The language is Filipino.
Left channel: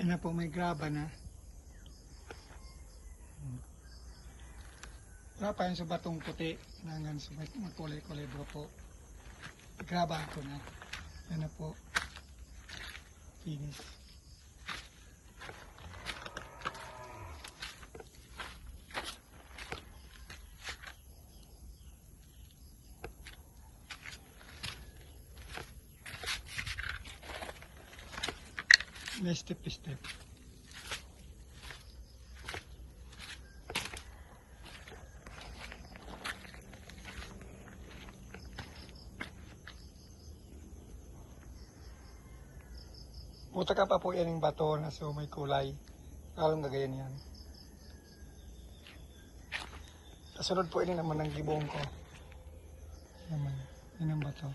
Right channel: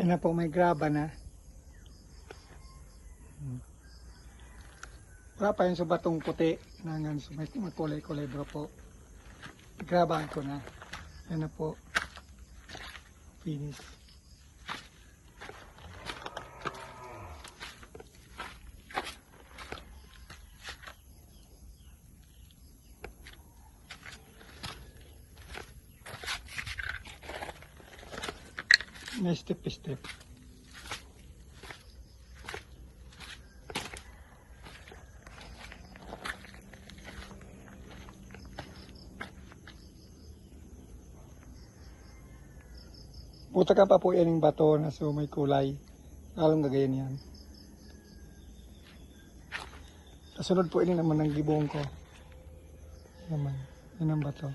Yan na po, may graba na. Wala pa yun sa batong puti na hanggang sa may kulay-kulay bro po. Grabahan ko na. Yan na po. Finish. Na step. Puta ka pa po yung bato na so may kulay. Lalong gagayin yan. Kasunod po yun naman ng gibong ko. Naman. Yan ang bato.